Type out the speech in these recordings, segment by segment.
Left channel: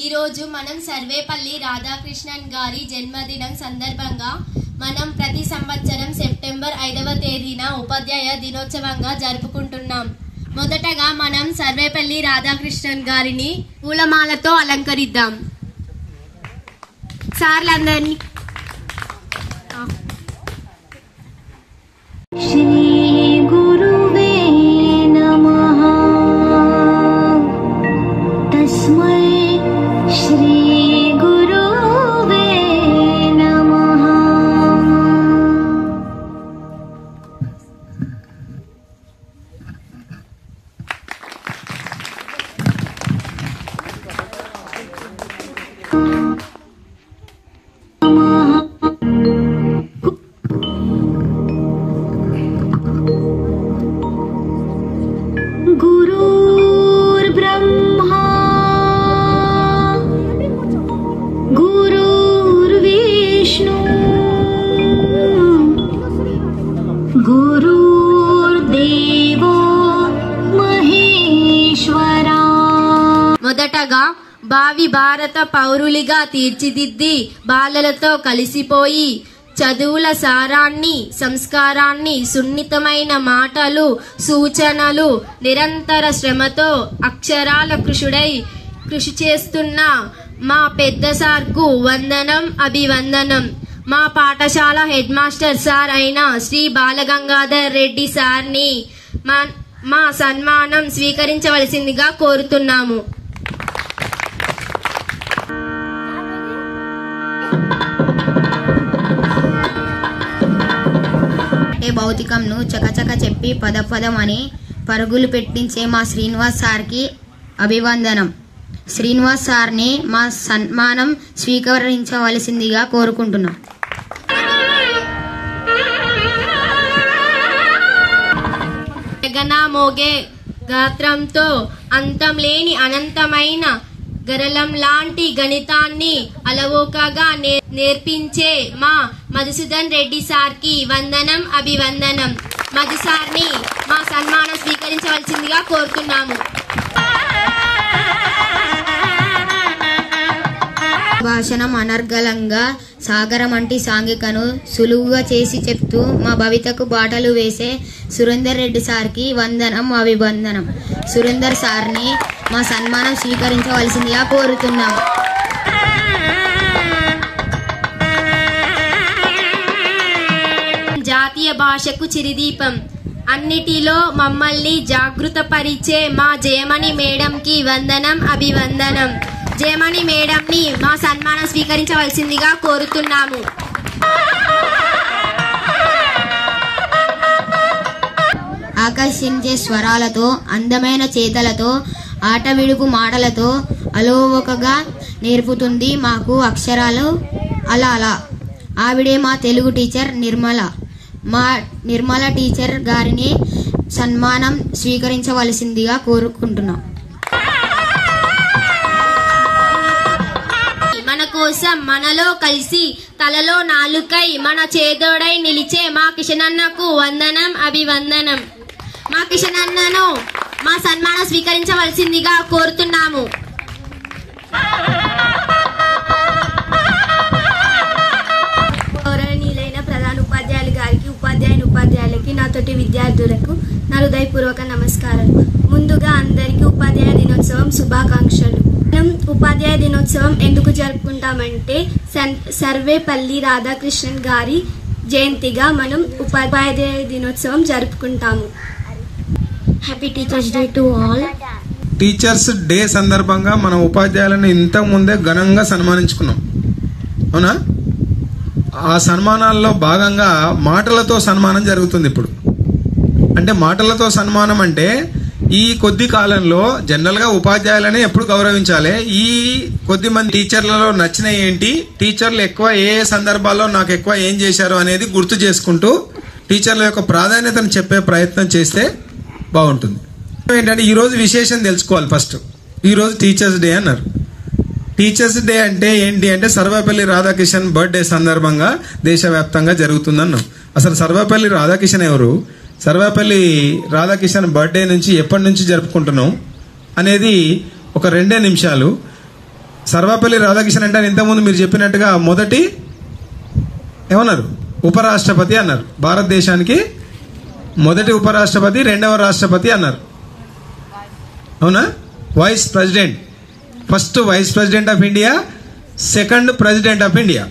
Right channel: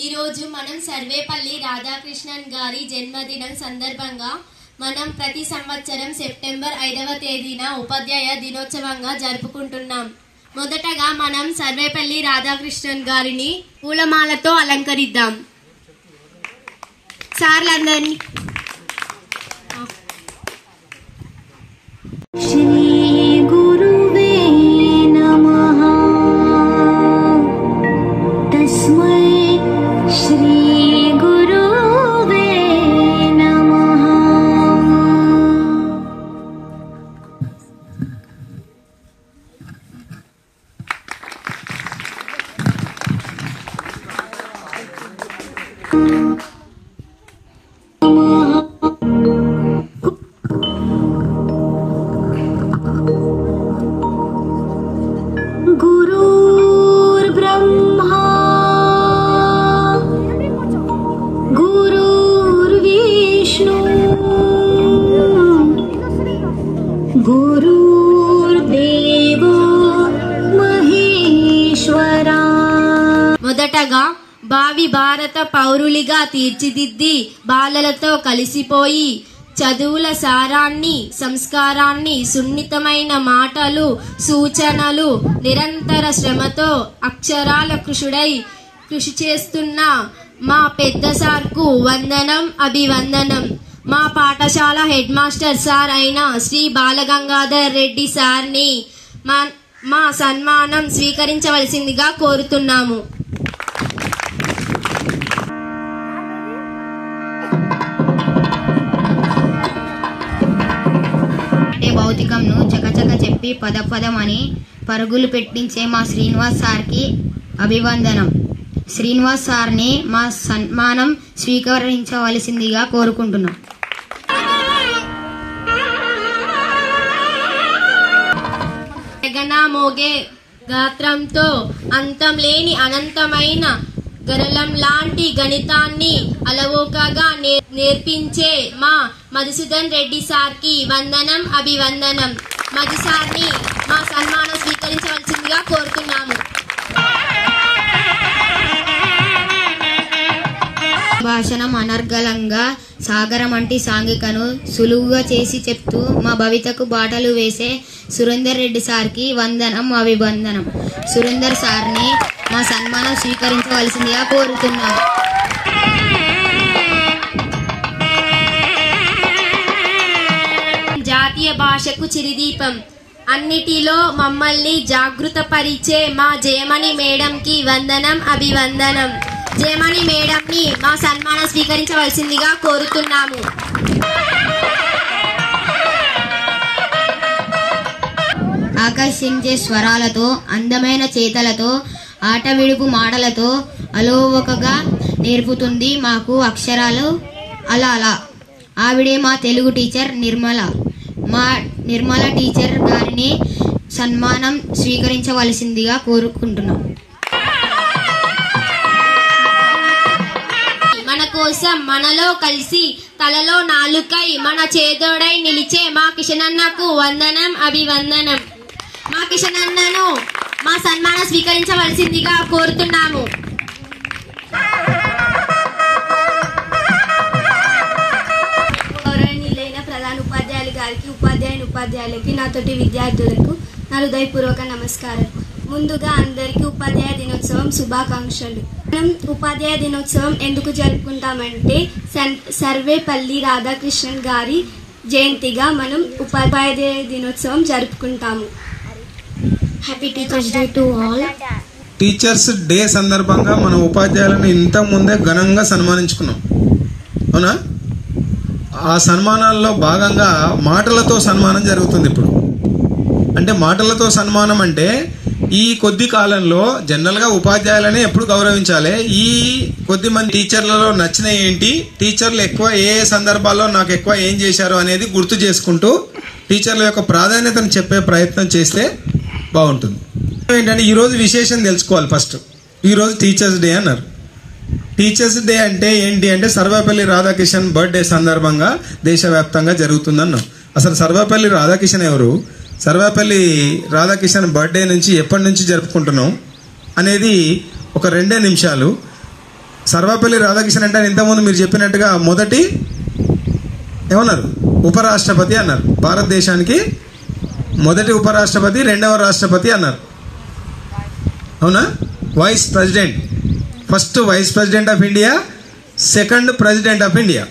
ఈ రోజు మనం సర్వేపల్లి రాధాకృష్ణన్ గారి జన్మదినం సందర్భంగా మనం ప్రతి సంవత్సరం సెప్టెంబర్ 5వ తేదీన ఉపాధ్యాయ దినోత్సవంగా జరుపుకుంటున్నాం. మొదటగా మనం సర్వేపల్లి రాధాకృష్ణన్ గారిని పూలమాలతో అలంకరిద్దాం. సార్లందరినీ మొదటగా భావి భారత పౌరులిగా తీర్చిదిద్ది బాలలతో కలిసిపోయి చదువుల సారాన్ని, సంస్కారాన్ని, సున్నితమైన మాటలు, సూచనలు, నిరంతర శ్రమతో అక్షరాల కృషి చేస్తున్న మా పెద్ద సార్కు వందనం, అభివందనం. మా పాఠశాల హెడ్ మాస్టర్ సార్ అయిన శ్రీ బాలగంగాధర్ రెడ్డి సార్ని మా సన్మానం స్వీకరించవలసిందిగా కోరుతున్నాము. భౌతికంను చకచక చెప్పి పదపదమని పరుగులు పెట్టించే మా శ్రీనివాస్ సార్కి అభివందనం. శ్రీనివాస్ సార్ని మా సన్మానం స్వీకరించవలసిందిగా కోరుకుంటున్నాం. మోగే గాత్రంతో అంతం లేని అనంతమైన గరళం లాంటి గణితాన్ని అలవోకగా నేర్పించే మా మధుసూదన్ రెడ్డి సార్కి వందనం, అభివందనం. మధు సార్ని మా సన్మానం స్వీకరించవలసిందిగా కోరుతున్నాము. భాషణం అనర్గళంగా సాగరం అంటి సాంఘికను సులువుగా చేసి చెప్తూ మా భవితకు బాటలు వేసే సురేందర్ రెడ్డి సార్కి వందనం, అభివందనం. సురేందర్ సార్ని మా సన్మానం స్వీకరించవలసిందిగా కోరుతున్నాం. జాతీయ భాషకు చిరుదీపం, అన్నిటిలో మమ్మల్ని జాగృతపరిచే మా జయమణి మేడంకి వందనం, అభివందనం. జయమణి మేడంని మా సన్మానం స్వీకరించవలసిందిగా కోరుతున్నాము. ఆకర్షించే స్వరాలతో, అందమైన చేతలతో, ఆట విడుపు మాటలతో అలోవకగా నేర్పుతుంది మాకు అక్షరాలు. అలా ఆవిడే మా తెలుగు టీచర్ నిర్మల. మా నిర్మల టీచర్ గారిని సన్మానం స్వీకరించవలసిందిగా కోరుకుంటున్నాం. మన కోసం మనలో కలిసి తలలో నాలుకై మన చేదోడై నిలిచే మా కిషనన్నకు వందనం, అభివందనం. మా కిషనన్నను మా సన్మానం స్వీకరించవలసిందిగా కోరుతున్నాము. గౌరవనీయులైన ప్రధాన ఉపాధ్యాయులు గారికి, ఉపాధ్యాయులకి, నాతోటి విద్యార్థులకు నా హృదయపూర్వక నమస్కారాలు. ముందుగా అందరికీ ఉపాధ్యాయ దినోత్సవం శుభాకాంక్షలు. మనం ఉపాధ్యాయ దినోత్సవం ఎందుకు జరుపుకుంటామంటే సర్వేపల్లి రాధాకృష్ణన్ గారి జయంతిగా మనం ఉపాధ్యాయ దినోత్సవం జరుపుకుంటాము. Happy teachers day to all. Teachers day సందర్భంగా మన ఉపాధ్యాయులను ఇంత ముందే ఘనంగా సన్మానించుకున్నాం, అవునా? ఆ సన్మానాల్లో భాగంగా మాటలతో సన్మానం జరుగుతుంది ఇప్పుడు. అంటే మాటలతో సన్మానం అంటే ఈ కొద్ది కాలంలో జనరల్ గా ఉపాధ్యాయులని ఎప్పుడు గౌరవించాలి, ఈ కొద్ది మంది టీచర్లలో నచ్చిన ఏంటి, టీచర్లు ఎక్కువ ఏ సందర్భాల్లో నాకు ఎక్కువ ఏం చేశారు అనేది గుర్తు చేసుకుంటూ టీచర్ల యొక్క ప్రాధాన్యతను చెప్పే ప్రయత్నం చేస్తే బాగుంటుంది. ఏంటంటే ఈ రోజు విశేషం తెలుసుకోవాలి. ఫస్ట్ ఈ రోజు టీచర్స్ డే అన్నారు. టీచర్స్ డే అంటే ఏంటి అంటే సర్వేపల్లి రాధాకిషన్ బర్త్డే సందర్భంగా దేశవ్యాప్తంగా జరుగుతుందన్నాం. అసలు సర్వేపల్లి రాధాకిషన్ ఎవరు, సర్వేపల్లి రాధాకిషన్ బర్త్డే నుంచి ఎప్పటి నుంచి జరుపుకుంటున్నాం అనేది ఒక 2 నిమిషాలు సర్వపల్లి రాధాకృష్ణన్ అంటే ఇంతకుముందు మీరు చెప్పినట్టుగా మొదటి ఏమన్నారు, ఉపరాష్ట్రపతి అన్నారు. భారతదేశానికి మొదటి ఉపరాష్ట్రపతి, రెండవ రాష్ట్రపతి అన్నారు. అవునా? Vice president, first vice president of India, second president of India,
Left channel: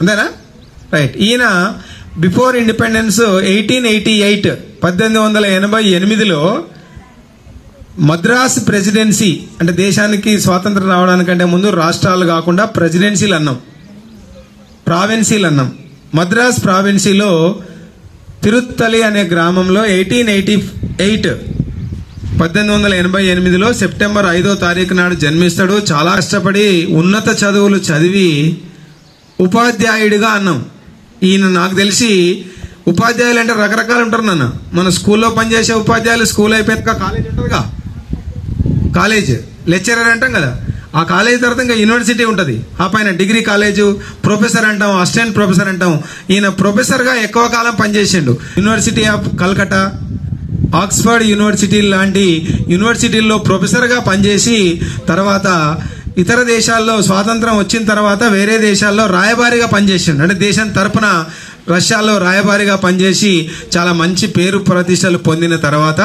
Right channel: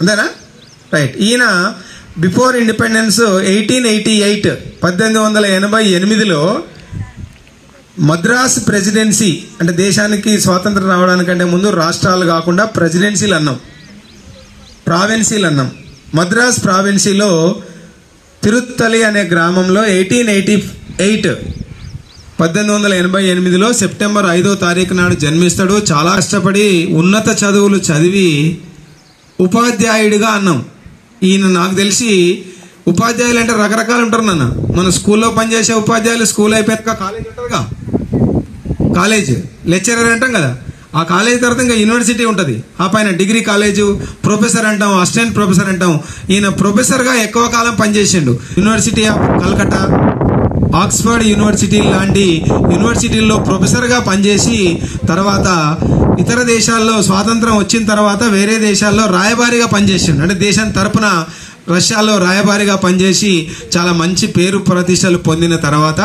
అంతేనా? రైట్. ఈయన బిఫోర్ ఇండిపెండెన్స్ 1888 1888లో మద్రాస్ ప్రెసిడెన్సీ, అంటే దేశానికి స్వాతంత్రం రావడానికంటే ముందు రాష్ట్రాలు కాకుండా ప్రెసిడెన్సీలు అన్నాం, ప్రావిన్సీలు అన్నాం. మద్రాస్ ప్రావిన్సీలో తిరుత్తలి అనే గ్రామంలో 1888లో సెప్టెంబర్ 5వ తారీఖు నాడు జన్మిస్తాడు. చాలా కష్టపడి ఉన్నత చదువులు చదివి ఉపాధ్యాయుడిగా అన్నాం. ఈయన నాకు తెలిసి ఉపాధ్యాయులు అంటే రకరకాలు ఉంటారు నాన్న. మన స్కూల్లో పనిచేసే ఉపాధ్యాయులు స్కూల్ అయిపోయాక కాలేజ్ ఉంటుందిగా, కాలేజ్ లెక్చరర్ అంటాం కదా. ఆ కాలేజ్ తర్వాత ఇంకా యూనివర్సిటీ ఉంటుంది. ఆ పైన డిగ్రీ కాలేజ్, ప్రొఫెసర్ అంటాం, అసిస్టెంట్ ప్రొఫెసర్ అంటాం. ఈయన ప్రొఫెసర్ గా ఎక్కువ కాలం పనిచేసిండు. University of Calcutta, Oxford university లాంటి యూనివర్సిటీల్లో ప్రొఫెసర్ గా పనిచేసి తర్వాత ఇతర దేశాల్లో స్వాతంత్రం వచ్చిన తర్వాత వేరే దేశాల్లో రాయబారిగా పనిచేసిండు. అంటే దేశం తరపున రష్యాలో రాయబారిగా పనిచేసి చాలా మంచి పేరు ప్రతిష్టలు పొందిన తర్వాత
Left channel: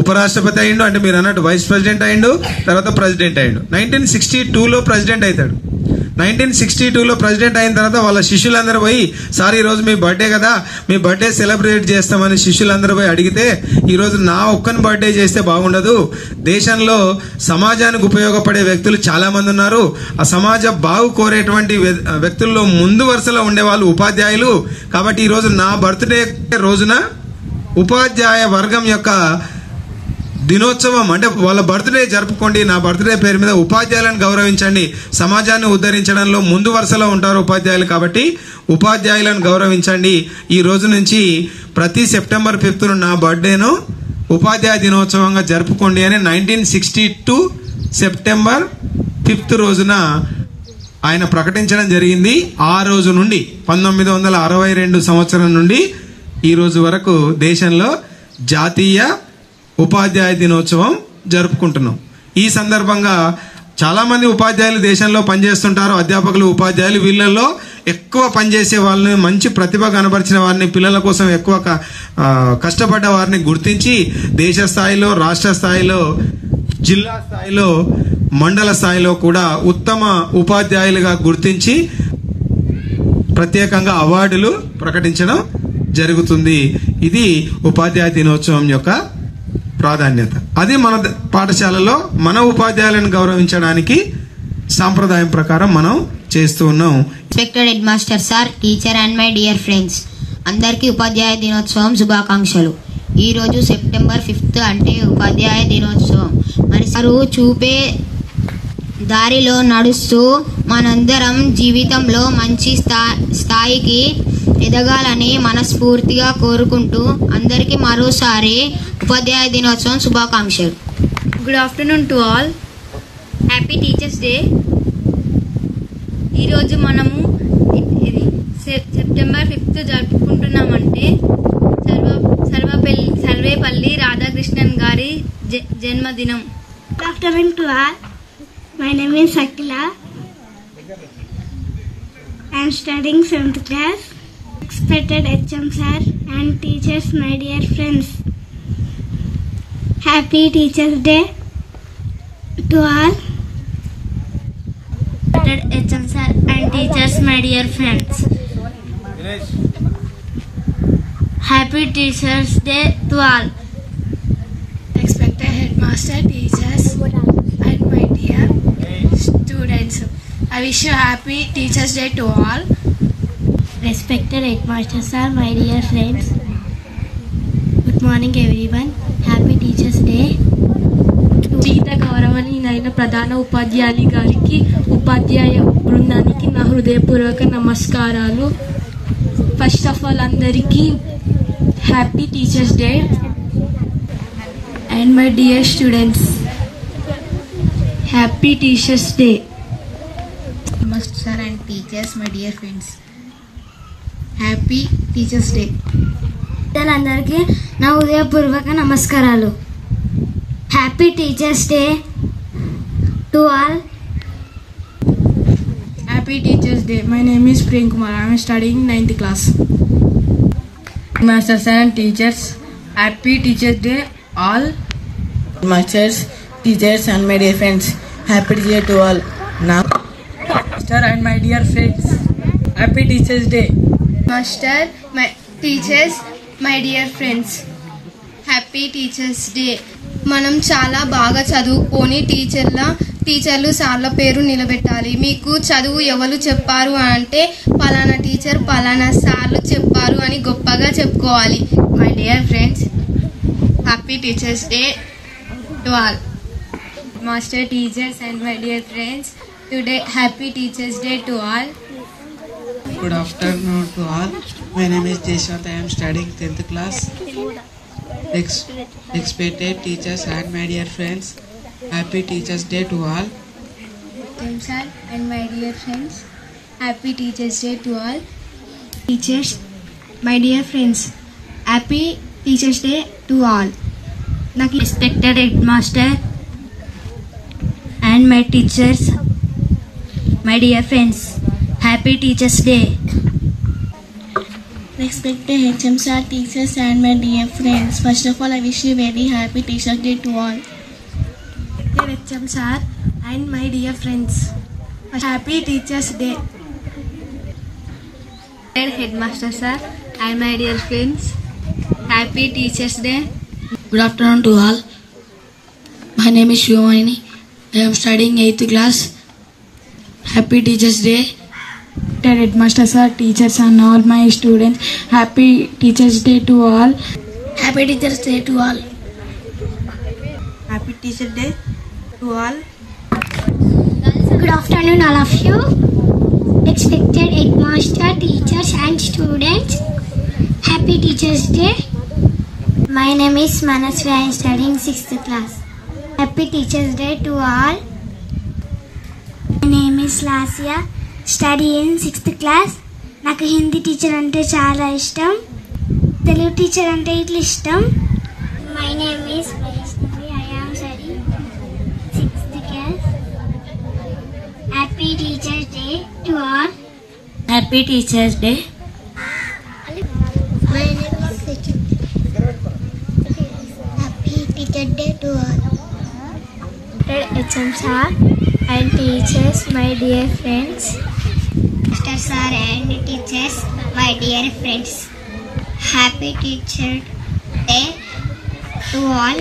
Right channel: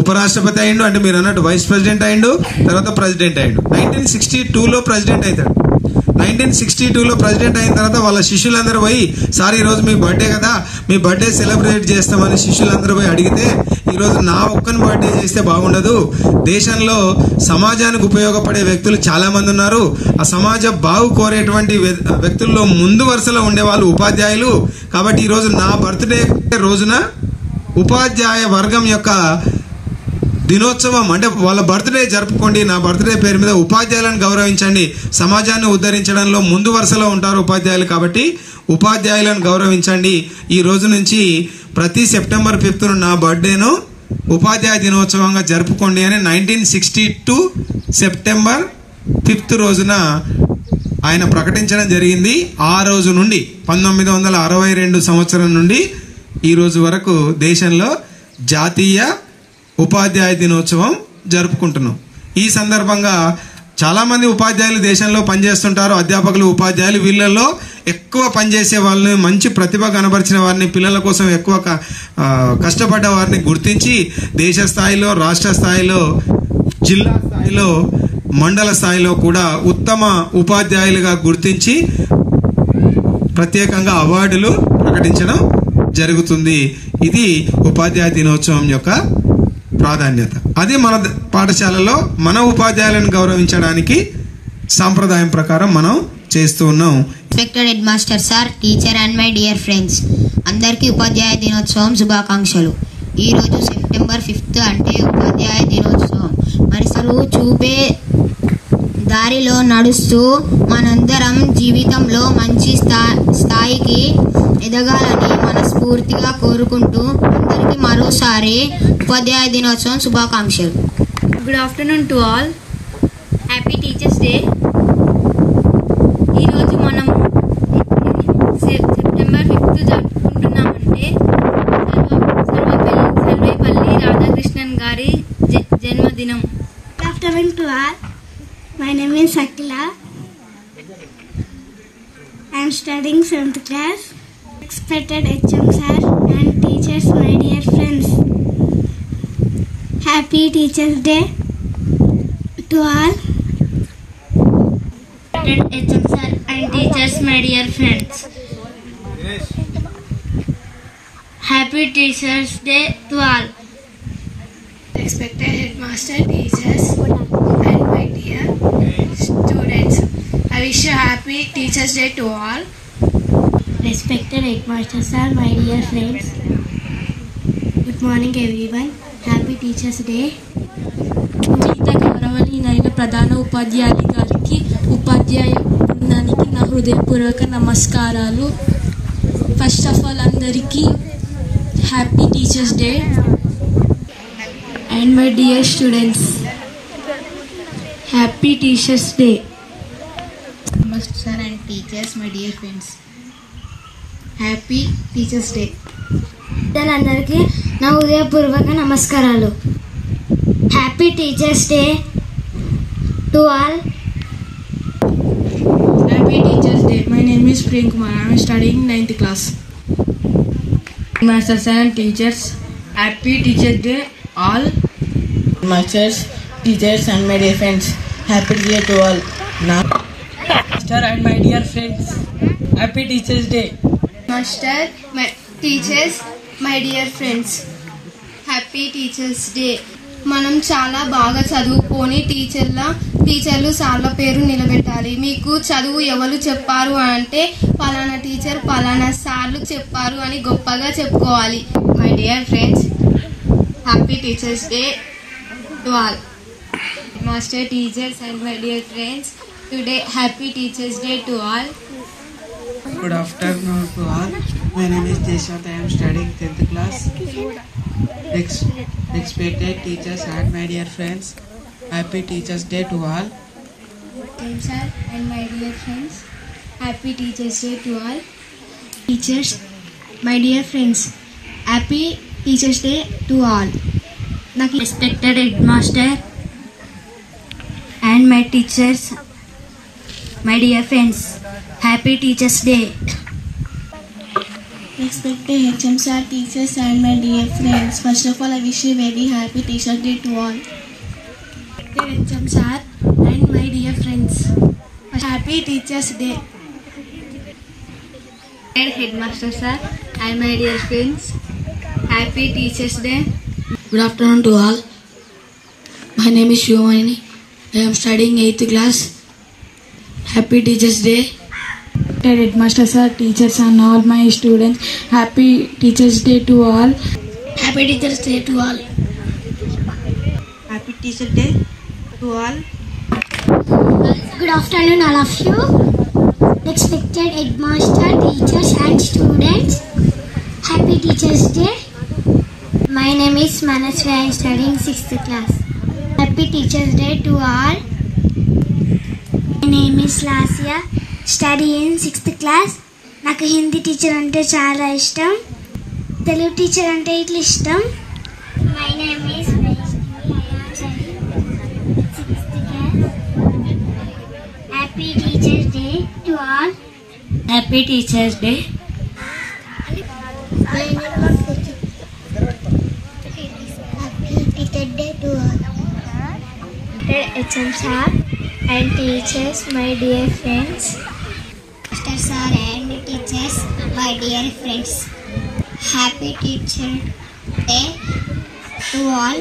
ఉపరాష్ట్రపతి అయిండు. అంటే మీరు అన్నట్టు వైస్ ప్రెసిడెంట్ అయిండు, తర్వాత ప్రెసిడెంట్ అయిండు. 1962లో ప్రెసిడెంట్ అవుతాడు. 1962లో ప్రెసిడెంట్ అయిన తర్వాత వాళ్ళ శిష్యులందరూ పోయి, సార్ ఈ రోజు మీ బర్త్డే కదా, మీ బర్త్డే సెలబ్రేట్ చేస్తామని శిష్యులందరూ పోయి అడిగితే, ఈ రోజు నా ఒక్కని బర్త్డే చేస్తే బాగుండదు, దేశంలో సమాజానికి ఉపయోగపడే వ్యక్తులు చాలా మంది ఉన్నారు, ఆ సమాజ బాగు కోరేటువంటి వ్యక్తుల్లో ముందు వరుసలో ఉండేవాళ్ళు ఉపాధ్యాయులు, కాబట్టి ఈ రోజు నా బర్త్డే రోజున ఉపాధ్యాయ వర్గం యొక్క దినోత్సవం, అంటే వాళ్ళ బర్త్డే జరుపుకోండి, నా బర్త్డే పేరు మీద ఉపాధ్యాయులను గౌరవించండి, సమాజాన్ని ఉద్ధరించడంలో ముందు వరుసలో ఉంటారు ఉపాధ్యాయులు, కాబట్టి ఉపాధ్యాయులను గౌరవించండి, ఈ రోజు నుంచి ప్రతి సెప్టెంబర్ 5th నా బర్త్డేను ఉపాధ్యాయ దినోత్సవంగా జరుపుకోండి అని 1962 సెప్టెంబర్ 5th రోజున ఆయన ప్రకటించడం జరిగింది. ఆ రోజు నుండి 1962 సంవత్సరం నుండి ఈ రోజు వరకు దేశంలో జాతీయ ఉపాధ్యాయ దినోత్సవం జరుపుకుంటున్నాం. ఈ సందర్భంగా చాలా మంది ఉపాధ్యాయులు దేశంలో పనిచేస్తుంటారు, అధ్యాపకులు, ఉపాధ్యాయులు. వీళ్ళల్లో ఎక్కువ పనిచేసే వాళ్ళని, మంచి ప్రతిభ కనబరిచిన వారిని, పిల్లల కోసం ఎక్కువ కష్టపడ్డ వారిని గుర్తించి దేశ స్థాయిలో, రాష్ట్ర స్థాయిలో, జిల్లా స్థాయిలో, మండల స్థాయిలో కూడా ఉత్తమ ఉపాధ్యాయులుగా గుర్తించి ప్రత్యేకంగా అవార్డులు ప్రకటించడం జరుగుతుంది. ఇది ఉపాధ్యాయ దినోత్సవం యొక్క ప్రాధాన్యత. అది మన పాఠశాలలో మన ఉపాధ్యాయులను గౌరవించడానికి సాంప్రదాయం ప్రకారం మనం చేస్తూ ఉన్నాం. Respected head master sir, teacher and my dear friends, అందరికీ ఉపాధ్యాయ దినోత్సవం శుభాకాంక్షలు. ఈ రోజు సెప్టెంబర్ 5th అంటే ఉపాధ్యాయ దినోత్సవం. మరి సారు చూపే దారిలో నడుస్తూ మనందరం జీవితంలో మంచి స్థాయికి ఎదగాలని మనస్ఫూర్తిగా కోరుకుంటూ అందరికీ మరోసారి ఉపాధ్యాయ దినోత్సవం శుభాకాంక్షలు. Good afternoon to all. Happy teachers day. ఈరోజు మనము సెప్టెంబర్ 5th జరుపుకుంటున్నామంటే సర్వేపల్లి రాధాకృష్ణన్ గారి జన్మదినం. Good afternoon to all. My name is Akila. I am studying 7th class. Respected HM sir and teachers, my dear friends. Happy Teachers Day to all. Respected HM sir and teachers, my dear friends. Happy Teachers Day to all. Respected headmaster, teachers, and my dear students. I wish you happy Teachers Day to all. Respected headmaster sir, my dear friends. Good morning everyone. Happy Teachers Day. వివిధ గౌరవనీయులైన ప్రధాన ఉపాధ్యాయులు గారికి, ఉపాధ్యాయ బృందానికి నా హృదయపూర్వక నమస్కారాలు. First of all అందరికీ happy teachers day. And my dear students, happy Teachers Day. Namaste sir and teachers, my dear friends. Happy Teachers Day. అందరికీ నా హృదయపూర్వక నమస్కారాలు. Happy teachers day to all. My name is Prem Kumar. I am studying 9th class. Masters and teachers, happy Teachers Day all. Masters, teachers and my dear friends, happy Teachers Day to all. Now, Master and my dear friends, happy Teachers Day. Master, my teachers, my dear friends, happy teachers day. మనం చాలా బాగా చదువుకొని టీచర్లు సార్ల పేరు నిలబెట్టాలి. మీకు చదువు ఎవరు చెప్పారు అంటే పలానా టీచర్ పలానా సార్లు చెప్పారు అని గొప్పగా చెప్పుకోవాలి. My dear friends, happy teachers day to all. Master, teachers and my dear friends, today happy teachers day to all. Good afternoon to all. My name is Jeshwant. I am studying 10th class. Respected teachers and my dear friends, happy Teachers Day to all. Sir and my dear friends, happy Teachers Day to all. Teachers, my dear friends, happy Teachers Day to all. Respected headmaster and my teachers, my dear friends, happy Teachers Day. Respected HM sir, teachers and my dear friends, first of all I wish you very happy Teachers Day to all. Respected HM sir and my dear friends, happy Teachers Day. Headmaster sir and my dear friends, happy Teachers Day. Good afternoon to all. My name is Shivani. I am studying 8th class. Happy Teachers Day. Headmaster sir, teachers and all my students, happy Teachers Day to all. Happy Teachers Day to all. Happy Teachers Day to all. Good afternoon all of you. Respected headmaster, teachers and students, happy Teachers Day. My name is Manasvi. I am studying 6th class. Happy Teachers Day to all. My name is Lasya. Study in 6th class. నాకు Hindi teacher అంటే చాలా ఇష్టం, Telugu teacher అంటే ఇట్లా ఇష్టం. My name is Vaishnavi. I am studying 6th class. Happy teachers day to all. Happy teachers day. My name is Sachin. Happy teachers day to all. HM sir and teachers, my dear friends. Master sir and teachers, my dear friends, happy Teacher Day to all.